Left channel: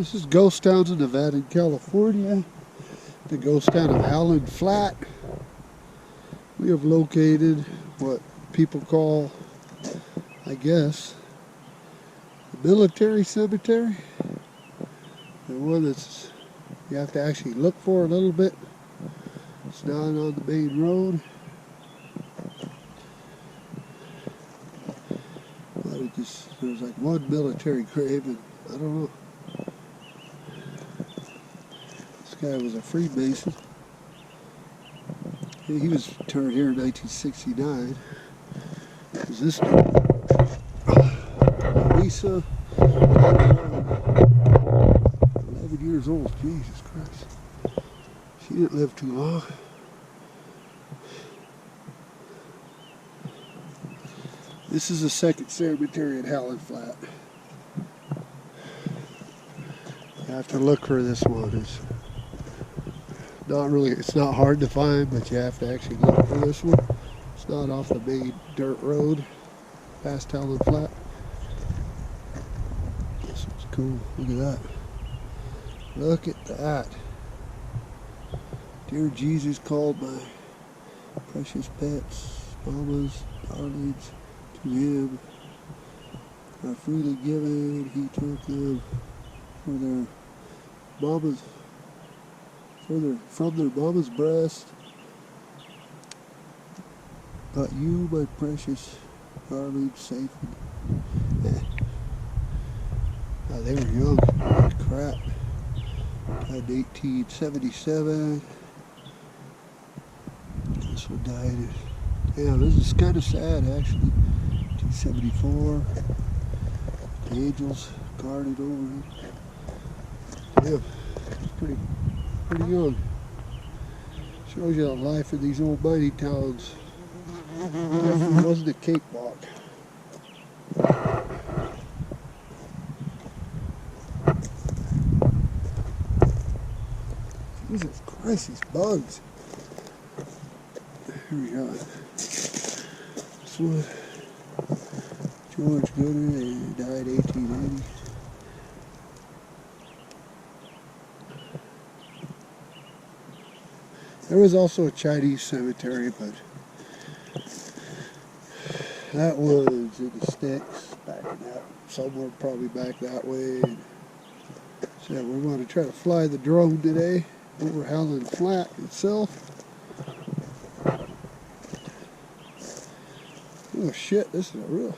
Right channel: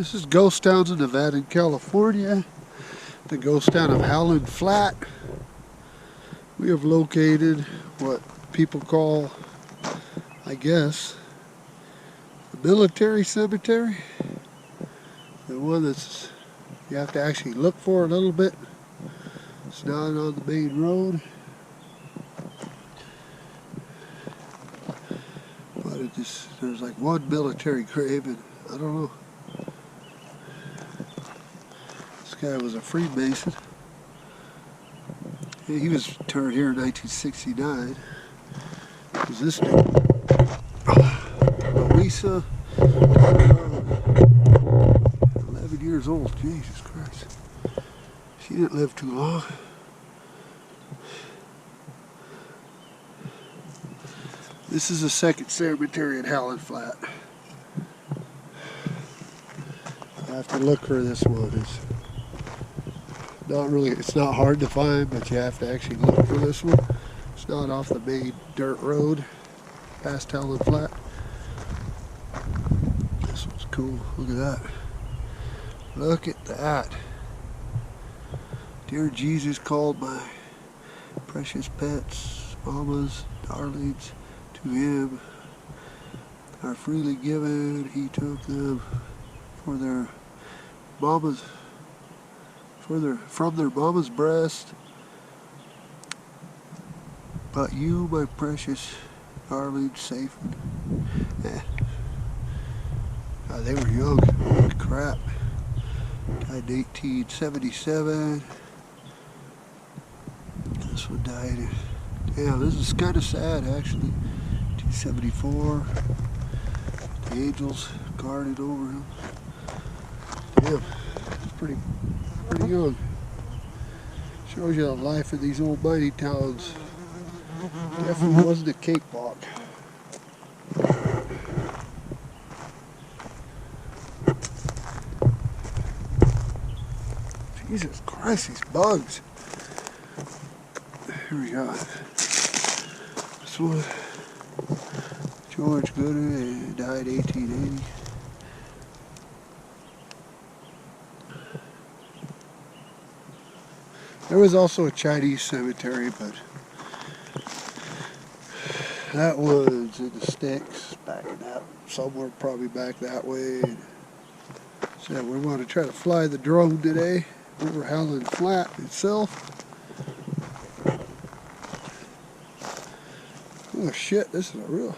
This is ghost towns in Nevada and California. The ghost town of Howland Flat. We have located what people call, I guess, the military cemetery. The one that's you have to actually look for a little bit. It's not on the main road. But it just, there's like one military grave, and I don't know. This guy was a Freemason. He was interred here in 1969. It was this dude. Louisa, daughter of 11 years old. Jesus Christ. She didn't live too long. This is the second cemetery at Howland Flat. You have to look for this one. It's not hard to find, but you have to actually look for this one. It's not off the main dirt road past Howland Flat. This one's cool. Look at that. Look at that. Dear Jesus called my precious pets, mamas, darlings, to him are freely given. He took them for their mamas, from their mama's breast. But you, my precious darling, safe. They were young. Holy crap. Died in 1877. This one died. Damn, this is kind of sad, actually. 1974. The angels guarded over him. Damn, it's pretty young. Shows you the life of these old mining towns. Definitely wasn't a cakewalk. Jesus Christ, these bugs. Here we go. This one, George Gooder, died 1880. There was also a Chinese cemetery, but that was in the sticks, back in that, somewhere probably back that way. And so we want to try to fly the drone today over Howland Flat itself. Oh shit, this is a real...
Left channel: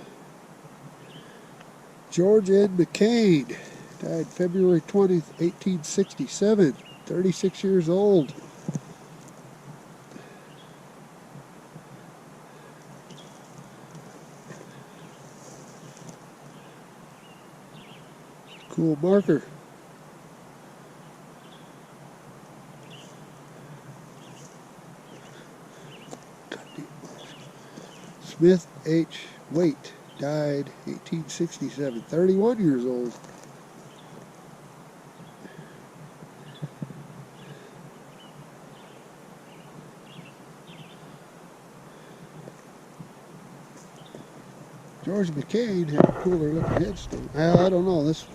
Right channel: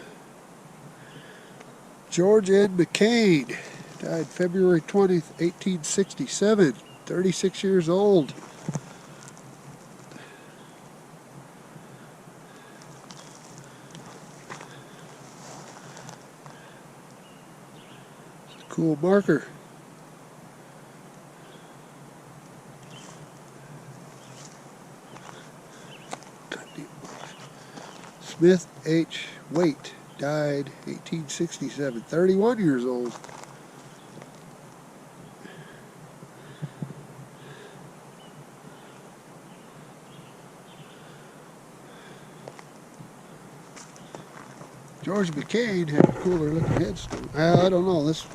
George N. McCain died February 20th, 1867, 36 years old. It's a cool marker. Smith H. Waite died 1867, 31 years old. George McCain had a cooler looking headstone. I don't know, this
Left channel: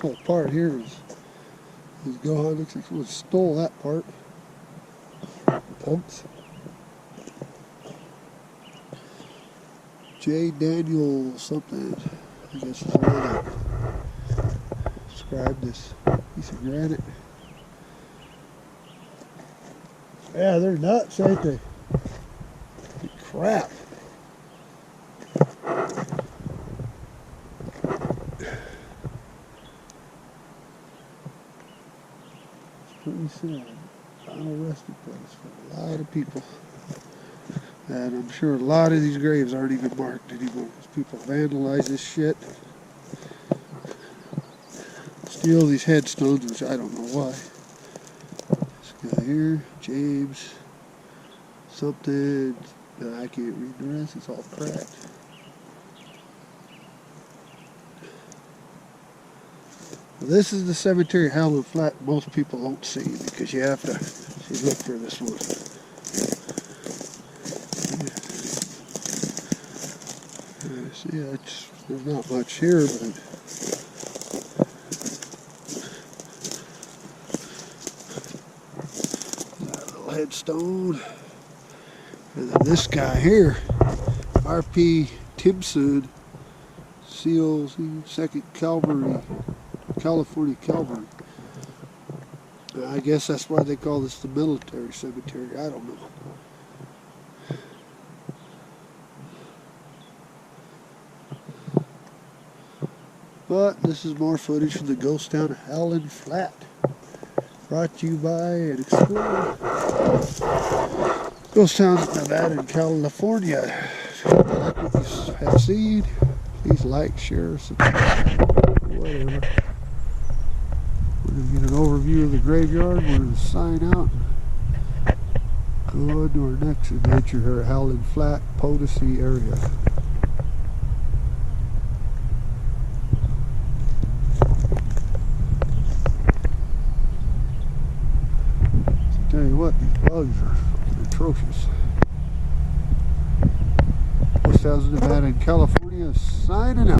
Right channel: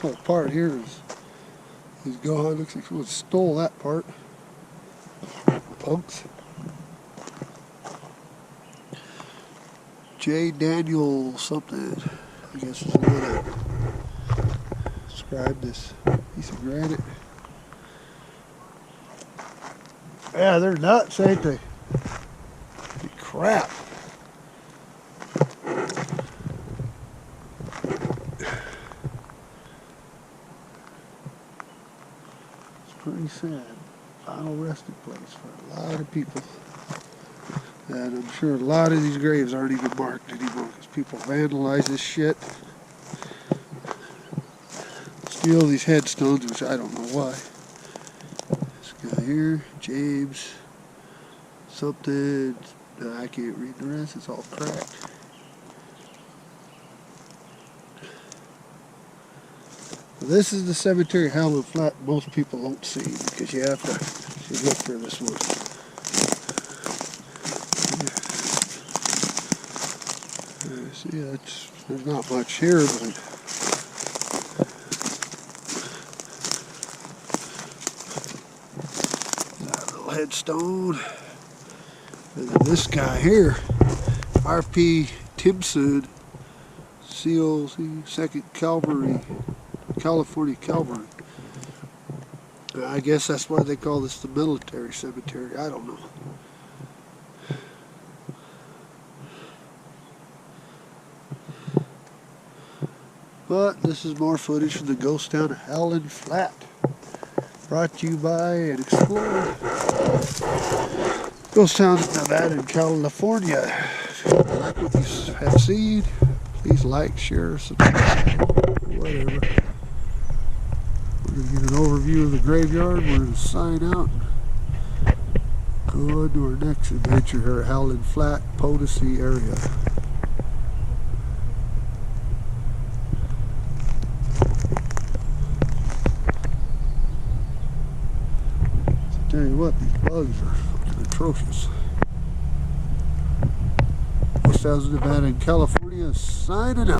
whole part here is gone. Looks like someone stole that part. Punks. J. Daniel something, I guess is the one that described this piece of granite. Yeah, they're nuts, ain't they? Holy crap. It's pretty sad. Final resting place for a lot of people. And I'm sure a lot of these graves aren't even marked anymore because people vandalize this shit. Steal these headstones, which I don't know why. This guy here, James, something, I can't read the rest, it's all cracked. This is the cemetery Howland Flat most people don't see because you have to look for this one. See, there's not much here, but little headstone. And then this guy here, R.P. Timpson, COC 2nd Cavalry, California Cavalry. I guess that's why they call this the military cemetery. I don't know. But this is more footage from the ghost town of Howland Flat. Brought to you by and explored. Ghost towns of Nevada and California. If you like what you have seen, please like, share, subscribe, whatever. We're going to get an overview of the graveyard. We're going to sign out and go on to our next adventure here at Howland Flat, Potosi area. Tell you what, these bugs are fucking atrocious. Ghost towns of Nevada and California signing out.